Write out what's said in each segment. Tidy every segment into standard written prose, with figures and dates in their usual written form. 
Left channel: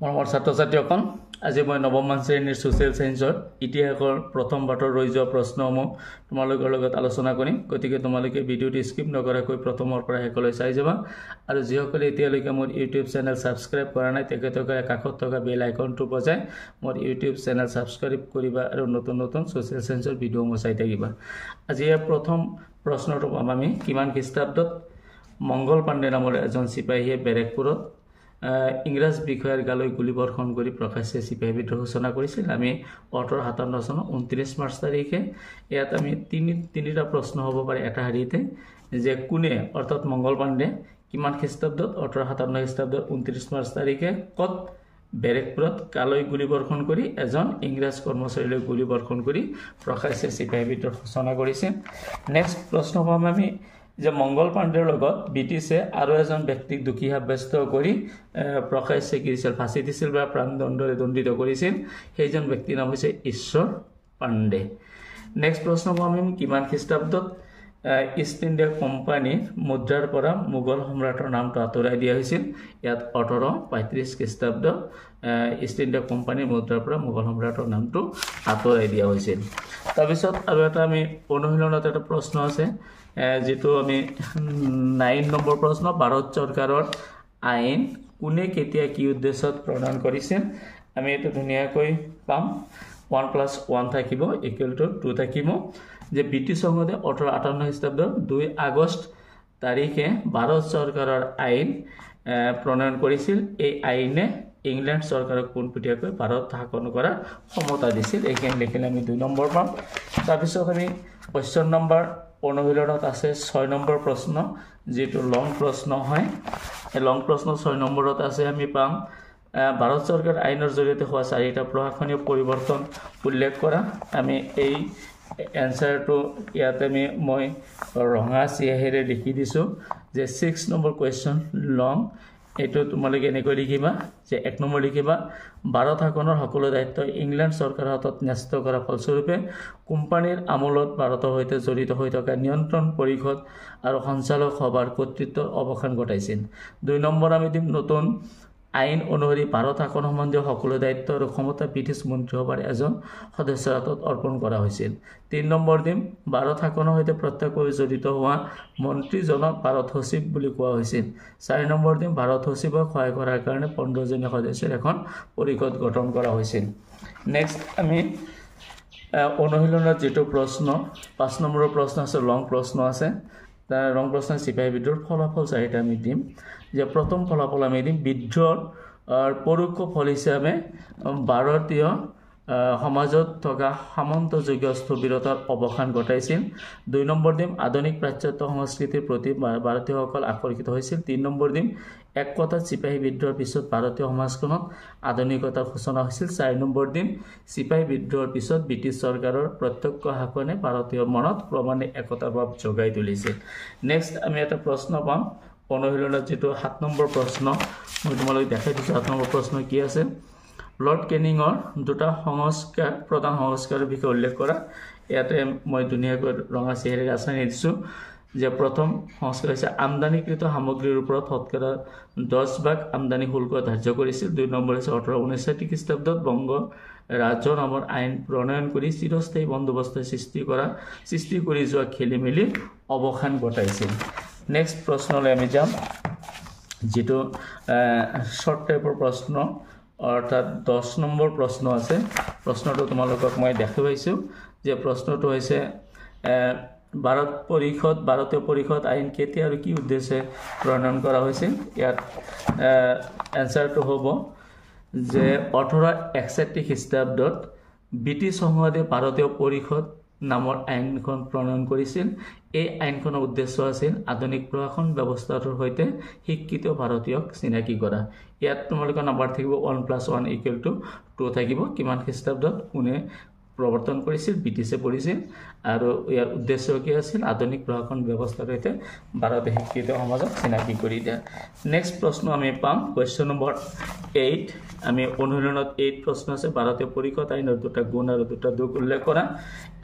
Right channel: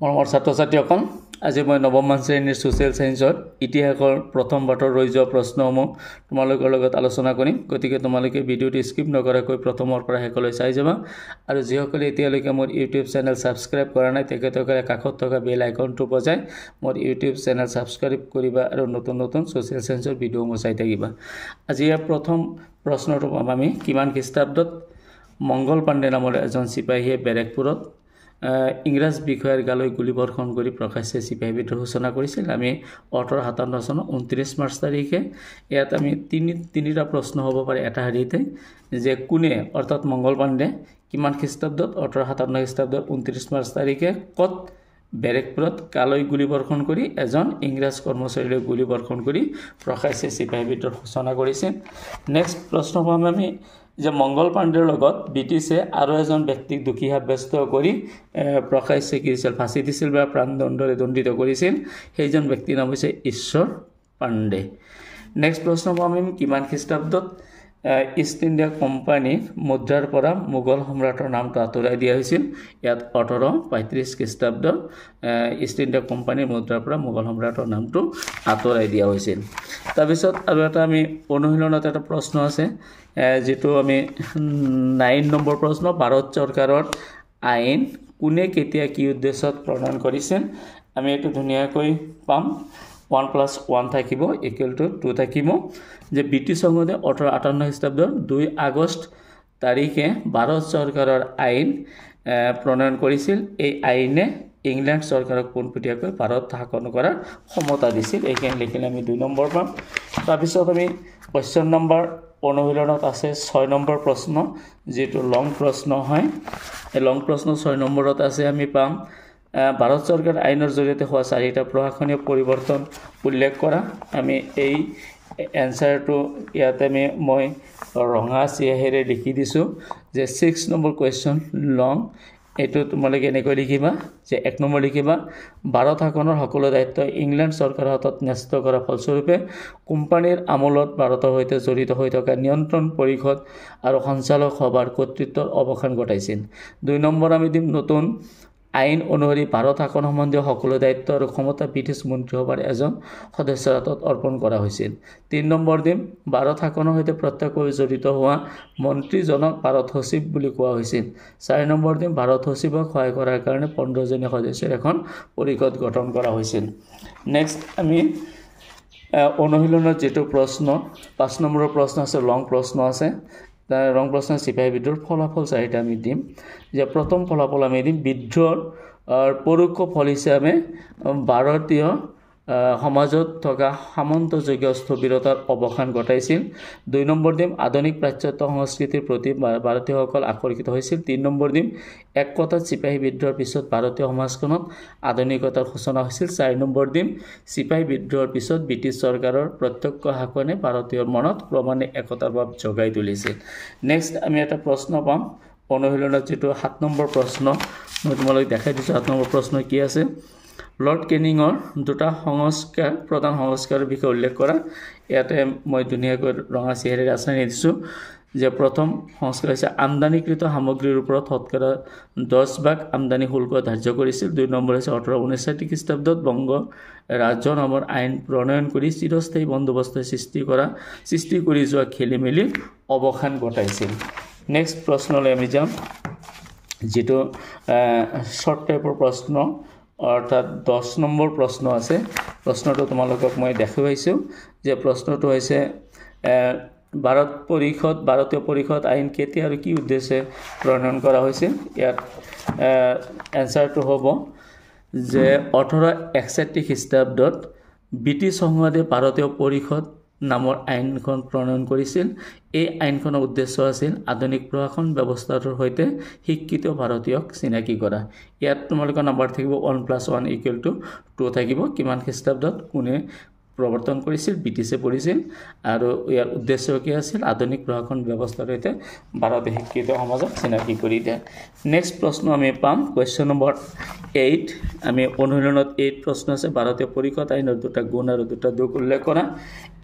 মৰমৰ ছাত্ৰ-ছাত্ৰীসকল আজি মই নৱম শ্ৰেণীৰ সোশ্যাল সায়েন্সৰ ইতিহাসৰ প্ৰথম পাঠৰ ৰৈ যোৱা প্ৰশ্নসমূহ তোমালোকৰ লগত আলোচনা কৰিম গতিকে তোমালোকে ভিডিঅটো স্কিপ নকৰাকৈ প্ৰথমৰ পৰা শেষলৈ চাই যাবা আৰু যিসকলে এতিয়ালৈকে মোৰ ইউটিউব চেনেল সাবস্ক্ৰাইব কৰা নাই তেখেতসকলে কাষত থকা বেল আইকনটো বজাই মোৰ ইউটিউব চেনেল সাবস্ক্ৰাইব কৰিবা আৰু নতুন নতুন সোশ্যাল সায়েন্সৰ ভিডিঅ'সমূহ চাই থাকিবা আজি প্ৰথম প্ৰশ্নটো পাম আমি কিমান খ্ৰীষ্টাব্দত মংগল পাণ্ডে নামৰ এজন সিপাহীয়ে বেৰেকপুৰত ইংৰাজ বিষয়ৰ গালৈ গুলিবৰ্ষণ কৰি প্ৰকাশ্যে চিপাহী বিদ্ৰোহ সূচনা কৰিছিল আমি 1857 চনৰ 29 মাৰ্চ তাৰিখে ইয়াত আমি তিনিটা প্ৰশ্ন হ'ব পাৰে এটা হাৰিতে যে কোনে অৰ্থাৎ মংগল পাণ্ডে কিমান খ্ৰীষ্টাব্দত 1857 খ্ৰীষ্টাব্দৰ 29 মাৰ্চ তাৰিখে কত বেৰেকপুৰত গালৈ গুলিবৰ্ষণ কৰি এজন ইংৰাজ কৰ্মচাৰীলৈ গুলিবৰ্ষণ কৰি প্ৰকাশ্যে চিপাহী বিদ্ৰোহ সূচনা কৰিছিল নেক্সট প্ৰশ্ন পাম আমি যে মংগল পাণ্ডেৰ লগত ব্ৰিটিছে আৰু এজন ব্যক্তিক দুখী সাব্যস্ত কৰি প্ৰকাশ্যে কিছিল ফাঁচি দিছিল বা প্ৰাণদণ্ডৰে দণ্ডিত কৰিছিল সেইজন ব্যক্তিৰ নাম হৈছে ঈশ্বৰ পাণ্ডে নেক্সট প্ৰশ্ন আমি কিমান খ্ৰীষ্টাব্দত ইষ্ট ইণ্ডিয়া কোম্পানী মুদ্ৰাৰ পৰা মোগল সম্ৰাটৰ নামটো আঁতৰাই দিয়া হৈছিল ইয়াত 1835 খ্ৰীষ্টাব্দ ইষ্ট ইণ্ডিয়া কোম্পানীৰ মুদ্ৰাৰ পৰা মোগল সম্ৰাটৰ নামটো আঁতৰাই দিয়া হৈছিল তাৰপিছত আৰু এটা আমি অনুশীলনত এটা প্ৰশ্ন আছে যেটো আমি 9 নম্বৰ প্ৰশ্ন ভাৰত চৰকাৰৰ আইন কোনে কেতিয়া কি উদ্দেশ্যত প্ৰণয়ন কৰিছিল আমি এটো ধুনিয়াকৈ পাম 1 + 1 থাকিব = 2 থাকিব যে ব্ৰিটিছ সংসদে 1858 খ্ৰীষ্টাব্দৰ 2 আগষ্ট তাৰিখে ভাৰত চৰকাৰৰ আইন প্ৰণয়ন কৰিছিল এই আইনে ইংল্যান্ড চৰকাৰক পোনপটীয়াকৈ ভাৰত শাসন কৰাৰ ক্ষমতা দিছিল এইখানে লিখিলে আমি 2 নম্বৰ পাম তাৰপিছত আমি কোৱেশ্চন নম্বৰ অনুশীলনত আছে 6 নম্বৰ প্ৰশ্ন যেটো লং প্ৰশ্ন হয় এই লং প্ৰশ্ন 6 নম্বৰত আছে আমি পাম ভাৰত চৰকাৰ আইনৰ জৰিয়তে হোৱা চাৰিটা প্ৰশাসনীয় পৰিৱৰ্তন উল্লেখ কৰা আমি এই এনসাৰটো ইয়াতে মই ৰঙা চিয়াহেৰে লিখি দিছো যে 6 নম্বৰ কোৱেশ্চন লং এটো তোমালোকে এনেকৈ লিখিবা যে 1 নম্বৰ লিখিবা ভাৰত শাসনৰ সকলো দায়িত্ব ইংল্যান্ড চৰকাৰৰ হাতত ন্যস্ত কৰা ফলস্বৰূপে কোম্পানীৰ আমলত ভাৰতৰ সৈতে জড়িত হৈ থকা নিয়ন্ত্ৰণ পৰিষদ আৰু সঞ্চালক সভাৰ কৰ্তৃত্বৰ অৱসান ঘটাইছিল 2 নম্বৰ আমি দিম নতুন আইন অনুসৰি ভাৰত শাসন সম্বন্ধীয় সকলো দায়িত্ব আৰু ক্ষমতা ব্ৰিটিছ মন্ত্ৰীসভাৰ এজন সদস্যৰ হাতত অৰ্পণ কৰা হৈছিল 3 নম্বৰ দিম ভাৰত শাসনৰ সৈতে প্ৰত্যক্ষভাৱে জড়িত হোৱা মন্ত্ৰীজনক ভাৰত সচিব বুলি কোৱা হৈছিল 4 নম্বৰ দিম ভাৰত সচিবক সহায় কৰাৰ কাৰণে 15 জনীয়া সদস্যৰ এখন পৰিষদ গঠন কৰা হৈছিল নেক্সট আমি অনুশীলনত যেটো প্ৰশ্ন 5 নম্বৰৰ প্ৰশ্ন আছে লং প্ৰশ্ন আছে তাৰ ৰং প্ৰশ্ন চিপাহী বিদ্ৰোহৰ ফলাফল চাৰিটা আমি দিম যে প্ৰথম ফলাফল আমি দিম বিদ্ৰোহৰ পৰোক্ষ ফল হিচাপে ভাৰতীয় সমাজত থকা সামন্তযোগ্য স্থবিৰতাৰ অৱসান ঘটাইছিল 2 নম্বৰ দিম আধুনিক পাশ্চাত্য সংস্কৃতিৰ প্ৰতি ভাৰতীয়সকল আকৰ্ষিত হৈছিল 3 নম্বৰ দিম এক কথাত চিপাহী বিদ্ৰোহৰ পিছত ভাৰতীয় সমাজখনত আধুনিকতাৰ সূচনা হৈছিল 4 নম্বৰ দিম চিপাহী বিদ্ৰোহৰ পিছত ব্ৰিটিছ চৰকাৰৰ প্ৰত্যক্ষ শাসনে ভাৰতীয়ৰ মনত ক্ৰমান্বয়ে একতাৰ ভাৱ জগাই তুলিছিল নেক্সট আমি এটা প্ৰশ্ন পাম অনুশীলনত যেটো 7 নম্বৰ প্ৰশ্ন মই তোমালোক দেখাই দিছো 7 নম্বৰ প্ৰশ্ন কি আছে লৰ্ড কেনিংৰ দুটা সংস্কাৰ প্ৰধান সংস্কাৰৰ বিষয়ে উল্লেখ কৰা ইয়াতে মই ধুনিয়াকৈ ৰঙা চিহেৰে আছানি দিছো যে প্ৰথম সংস্কাৰ হৈছে আমদানিকৃত সামগ্ৰীৰ ওপৰত শতকৰা 10% আমদানি শুল্ক ধাৰ্য কৰিছিল 2 নম্বৰ হৈছে 1859 খ্ৰীষ্টাব্দত বংগ ৰাজ্য নামৰ আইন প্ৰণয়ন কৰি চিৰস্থায়ী বন্দোবস্ত সৃষ্টি কৰি যোৱা খেলিমেলি অৱসান ঘটাইছিল নেক্সট প্ৰশ্নলৈ আমি যাম যেটো শৰ্ট টাইপৰ প্ৰশ্ন অৰ্থাৎ 10 নম্বৰ প্ৰশ্ন আছে প্ৰশ্নটো তোমালোকক মই দেখাইছো যে প্ৰশ্নটো হৈছে ভাৰতীয় পৰিষদ আইন কেতিয়া আৰু কি উদ্দেশ্যে প্ৰণয়ন কৰা হৈছিল ইয়াত এনসাৰটো হ'ব যে 1861 খ্ৰীষ্টাব্দত ব্ৰিটিছ সংসদে ভাৰতীয় পৰিষদ নামৰ আইনখন প্ৰণয়ন কৰিছিল এই আইনখনৰ উদ্দেশ্য আছিল আধুনিক প্ৰশাসন ব্যৱস্থাৰ সৈতে শিক্ষিত ভাৰতীয়ক চিনাকি কৰা ইয়াত তোমালোকৰ নম্বৰ থাকিব 1 + 1 = 2 থাকিব কিমান খ্ৰীষ্টাব্দত কোনে প্ৰৱৰ্তন কৰিছিল ব্ৰিটিছে কৰিছিল আৰু ইয়াৰ উদ্দেশ্য কি আছিল আধুনিক প্ৰশাসন ব্যৱস্থাৰ সৈতে ভাৰতীয় শিক্ষিত সমাজক চিনাকি কৰি দিয়া নেক্সট প্ৰশ্ন আমি পাম কোৱেশ্চন নম্বৰ 8 আমি অনুশীলনত 8 প্ৰশ্ন আছে ভাৰতীয় পৰিষদ আইনৰ দুটা গুণ আৰু দুটা দোষ উল্লেখ কৰা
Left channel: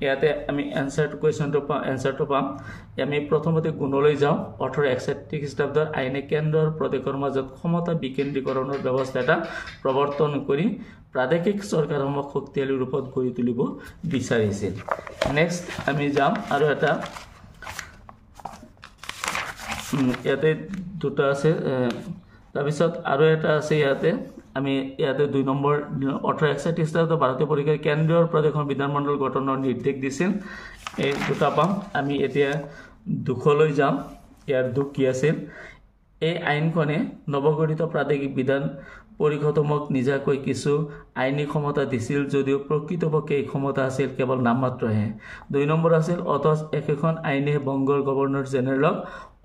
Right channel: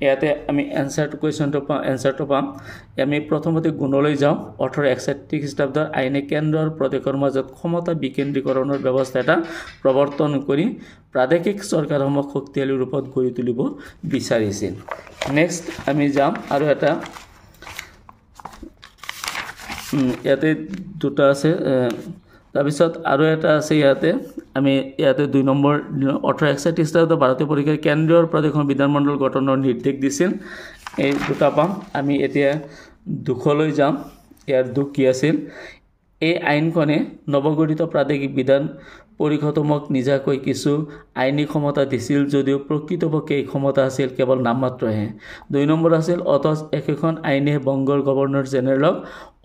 ইয়াতে আমি এনসাৰটো পাম আমি প্ৰথমতে গুণলৈ যাওঁ 1861 খ্ৰীষ্টাব্দৰ আইনে কেন্দ্ৰৰ প্ৰদেশৰ মাজত ক্ষমতা বিকেন্দ্ৰীকৰণৰ ব্যৱস্থা এটা প্ৰৱৰ্তন কৰি প্ৰাদেশিক চৰকাৰসমূহক শক্তিশালী ৰূপত গঢ়ি তুলিব বিচাৰিছিল নেক্সট আমি যাম আৰু এটা ইয়াতে দুটা আছে তাৰপিছত আৰু এটা আছে ইয়াতে আমি ইয়াতে 2 নম্বৰ 1861 খ্ৰীষ্টাব্দৰ ভাৰতীয় পৰিষদে কেন্দ্ৰীয় প্ৰদেশৰ বিধানমণ্ডল গঠনৰ নিৰ্দেশ দিছিল এই দুটা পাম আমি এতিয়া দুখলৈ যাম ইয়াৰ দুখ কি আছিল এই আইনখনে নৱগঠিত প্ৰাদেশিক বিধান পৰিষদসমূহক নিজাকৈ কিছু আইনী ক্ষমতা দিছিল যদিও প্ৰকৃতপক্ষে এই ক্ষমতা আছিল কেৱল নামমাত্ৰহে 2 নম্বৰ আছিল অথচ একেখন আইনে বংগৰ গভৰ্ণৰ জেনেৰেলক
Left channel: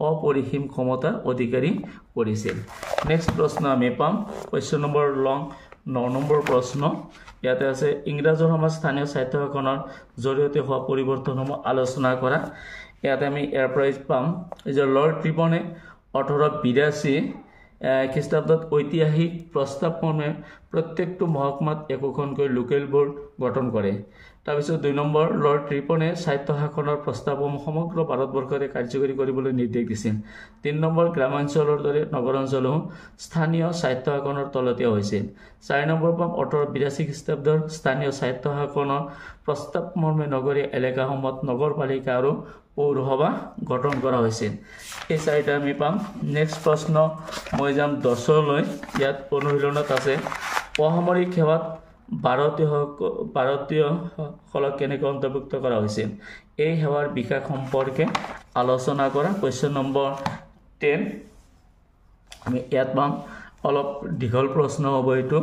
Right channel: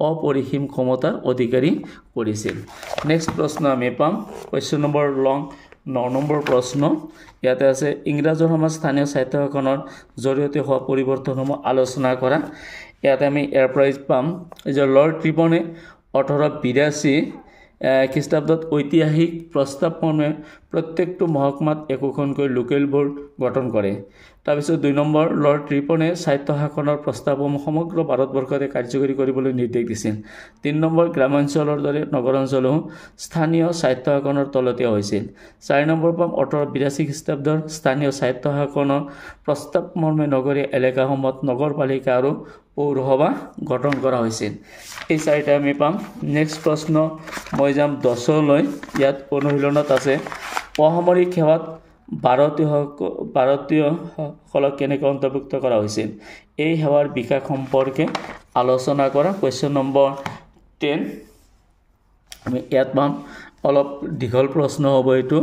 অপৰিসীম ক্ষমতাৰ অধিকাৰী কৰিছিল নেক্সট প্ৰশ্ন আমি পাম কোৱেশ্চন নম্বৰ লং 9 নম্বৰ প্ৰশ্ন ইয়াতে আছে ইংৰাজৰ সমাজ স্থানীয় স্বায়ত্ত শাসনৰ জৰিয়তে হোৱা পৰিৱৰ্তনসমূহ আলোচনা কৰা ইয়াতে আমি এয়াৰ প্ৰাইজ পাম যে লৰ্ড ৰিপনে 1882 খ্ৰীষ্টাব্দত ঐতিহাসিক প্ৰস্তাৱমৰ্মে প্ৰত্যেকটো মহকুমাত একোখনকৈ লোকেল বোৰ্ড গঠন কৰে তাৰপিছত 2 নম্বৰ লৰ্ড ৰিপনে স্বায়ত্ত শাসনৰ প্ৰস্তাৱসমূহ সমগ্ৰ ভাৰতবৰ্ষতে কাৰ্যকৰী কৰিবলৈ নিৰ্দেশ দিছিল 3 নম্বৰ গ্ৰামাঞ্চলৰ দৰে নগৰ অঞ্চলও স্থানীয় স্বায়ত্ত শাসনৰ তলতে হৈছিল 4 নম্বৰ পাম 1882 খ্ৰীষ্টাব্দৰ স্থানীয় স্বায়ত্ত শাসনৰ প্ৰস্তাৱমৰ্মে নগৰীয় এলেকাসমূহত নগৰপালিকা আৰু পৌৰসভা গঠন কৰা হৈছিল এই চাৰিটা আমি পাম নেক্সট প্ৰশ্ন মই যাম 10 লৈ ইয়াত অনুশীলনত আছে অসামৰিক সেৱাত ভাৰতীয়সকলক কেনেকৈ অন্তৰ্ভুক্ত কৰা হৈছিল এই সেৱাৰ বিকাশ সম্পৰ্কে আলোচনা কৰা কোৱেশ্চন নম্বৰ 10 আমি ইয়াত পাম অলপ দীঘল প্ৰশ্ন হ'ব এইটো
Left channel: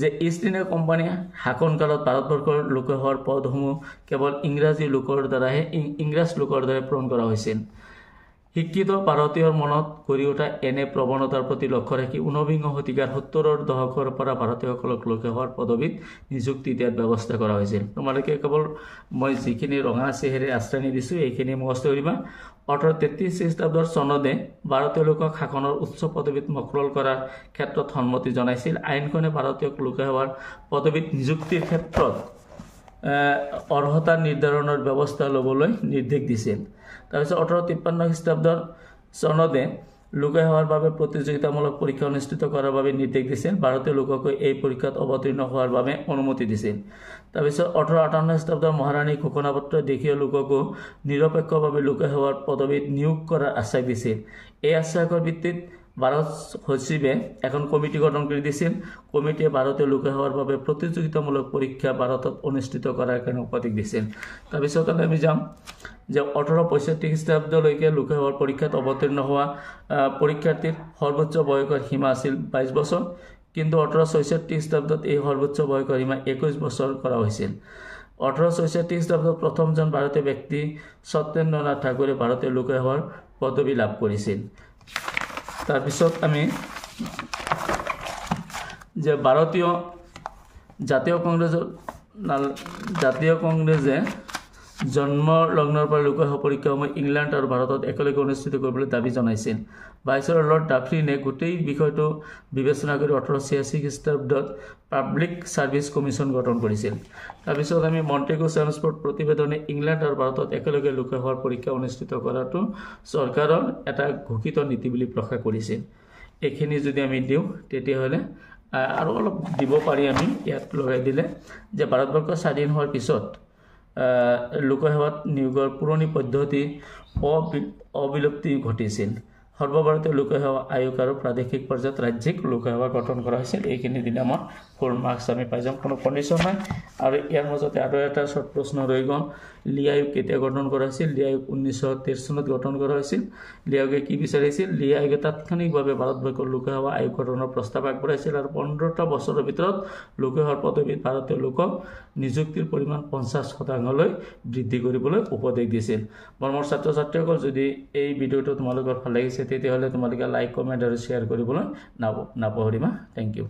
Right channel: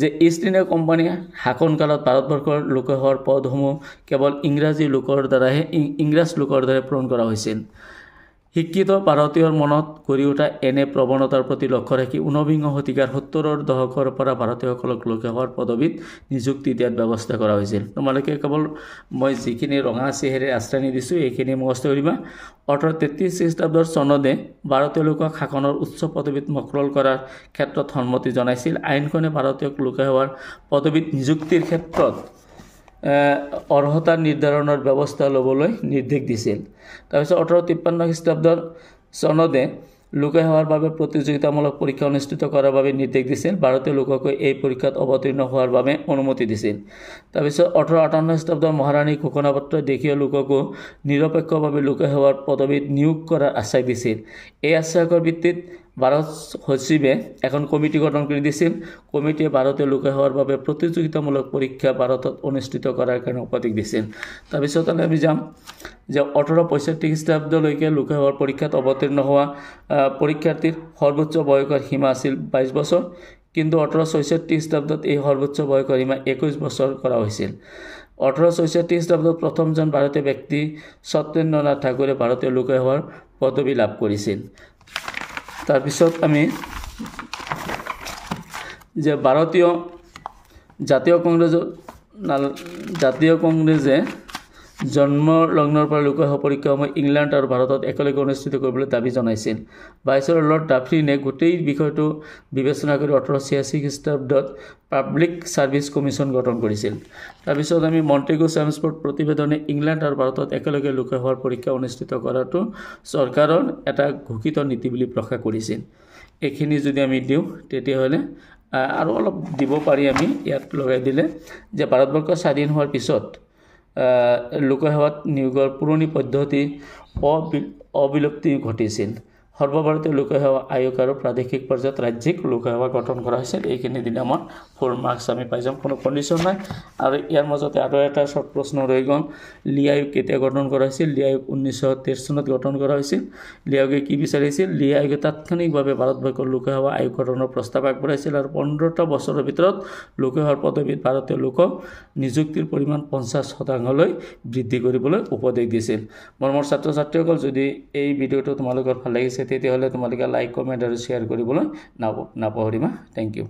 যে ইষ্ট ইণ্ডিয়া কোম্পানী শাসনকালত ভাৰতবৰ্ষৰ লোকসেৱাৰ পদসমূহ কেৱল ইংৰাজ লোকৰ দ্বাৰাই পূৰণ কৰা হৈছিল শিক্ষিত ভাৰতীয়ৰ মনত গঢ়ি উঠা এনে প্ৰৱণতাৰ প্ৰতি লক্ষ্য ৰাখি 19 শতিকাৰ 70ৰ দশকৰ পৰা ভাৰতীয়সকলক লোকসেৱাৰ পদবীত নিযুক্তি দিয়াৰ ব্যৱস্থা কৰা হৈছিল তোমালোকে কেৱল মই যিখিনি ৰঙা চেহেৰে আশ্ৰয় দিছোঁ এইখিনি মুখস্থ কৰিবা 1833 খ্ৰীষ্টাব্দৰ চনদে ভাৰতীয় লোকক শাসনৰ উচ্চ পদবীত মকৰল কৰাৰ ক্ষেত্ৰত সন্মতি জনাইছিল আইনখনে ভাৰতীয় লোকসেৱাৰ পদবীত নিযুক্তিৰ ক্ষেত্ৰত অৰ্হতা নিৰ্ধাৰণৰ ব্যৱস্থা ল'বলৈ নিৰ্দেশ দিছিল তাৰপিছত 1853 খ্ৰীষ্টাব্দৰ চনদে লোকসেৱাৰ বাবে প্ৰতিযোগিতামূলক পৰীক্ষা অনুষ্ঠিত কৰাৰ বাবে নিৰ্দেশ দিছিল ভাৰতীয় লোককৈ এই পৰীক্ষাত অৱতীৰ্ণ হোৱাৰ বাবে অনুমতি দিছিল তাৰপিছত 1858 খ্ৰীষ্টাব্দৰ মহাৰাণী ঘোষণাপত্ৰ দেশীয় লোককো নিৰপেক্ষভাৱে লোকসেৱাৰ পদবীত নিয়োগ কৰাৰ আশ্বাস দিছিল এই আশ্বাসৰ ভিত্তিত ভাৰত সচিবে এখন কমিটি গঠন কৰি দিছিল কমিটিয়ে ভাৰতীয় লোকসেৱাৰ বাবে প্ৰতিযোগিতামূলক পৰীক্ষা ভাৰতত অনুষ্ঠিত কৰাৰ কাৰণে উপদেশ দিছিল তাৰপিছত আমি যাম যে 1865 খ্ৰীষ্টাব্দলৈকে লোকসেৱাৰ পৰীক্ষাত অৱতীৰ্ণ হোৱা পৰীক্ষাৰ্থীৰ সৰ্বোচ্চ বয়সৰ সীমা আছিল 22 বছৰ কিন্তু 1866 খ্ৰীষ্টাব্দত এই সৰ্বোচ্চ বয়সৰ সীমা 21 বছৰ কৰা হৈছিল 1866 খ্ৰীষ্টাব্দত প্ৰথমজন ভাৰতীয় ব্যক্তি সত্যেন্দ্ৰনাথ ঠাকুৰে ভাৰতীয় লোকসেৱাৰ পদবী লাভ কৰিছিল তাৰপিছত আমি যে ভাৰতীয় জাতীয় কংগ্ৰেছে জন্ম লগ্নৰ পৰা লোকসভা পৰীক্ষাসমূহ ইংলেণ্ড আৰু ভাৰতত একেলগে অনুষ্ঠিত কৰিবলৈ দাবী জনাইছিল ভাইচৰয় লৰ্ড ডাফৰিনে গোটেই বিষয়টো বিবেচনা কৰি 1886 খ্ৰীষ্টাব্দত পাব্লিক ছাৰ্ভিচ কমিশ্যন গঠন কৰিছিল তাৰপিছত আমি মণ্টেগু চেমছফৰ্ড প্ৰতিবেদনে ইংলেণ্ড আৰু ভাৰতত একেলগে লোকসভাৰ পৰীক্ষা অনুষ্ঠিত কৰাটো চৰকাৰৰ এটা ঘোষিত নীতি বুলি প্ৰকাশ কৰিছিল এইখিনি যদি আমি দিওঁ তেতিয়াহ'লে আৰু অলপ দিব পাৰি আমি ইয়াত লগাই দিলে যে ভাৰতবৰ্ষ স্বাধীন হোৱাৰ পিছত লোকসেৱাত নিয়োগৰ পুৰণি পদ্ধতি অবিলুপ্তি ঘটিছিল সৰ্বভাৰতীয় লোকসেৱা আয়োগ আৰু প্ৰাদেশিক পৰ্যায়ত ৰাজ্যিক লোকসেৱা গঠন কৰা হৈছিল এইখিনি দিলে আমাৰ ফুল মাৰ্কছ আমি পাই যাম কোনো কণ্ডিশ্যন নাই আৰু ইয়াৰ মাজতে আৰু এটা শ্বৰ্ট প্ৰশ্ন ৰৈ গ'ল লি আয়োগ কেতিয়া গঠন কৰা হৈছিল লি আয়োগ 1913 চনত গঠন কৰা হৈছিল লি আয়োগে কি বিচাৰিছিল লি আয়োগে তাৎক্ষণিকভাৱে ভাৰতবৰ্ষৰ লোকসেৱা আয়োগ গঠনৰ প্ৰস্তাৱ আগবঢ়াইছিল আৰু 15টা বছৰৰ ভিতৰত লোকসেৱাৰ পদবীত ভাৰতীয় লোকক নিযুক্তিৰ পৰিমাণ 50% বৃদ্ধি কৰিবলৈ উপদেশ দিছিল মোৰ ছাত্ৰ ছাত্ৰীসকল যদি এই ভিডিঅ'টো তোমালোকৰ ভাল লাগিছে তেতিয়াহ'লে তোমালোকে লাইক কমেণ্ট আৰু শ্বেয়াৰ কৰিবলৈ নাপাহৰিবা থেংক ইউ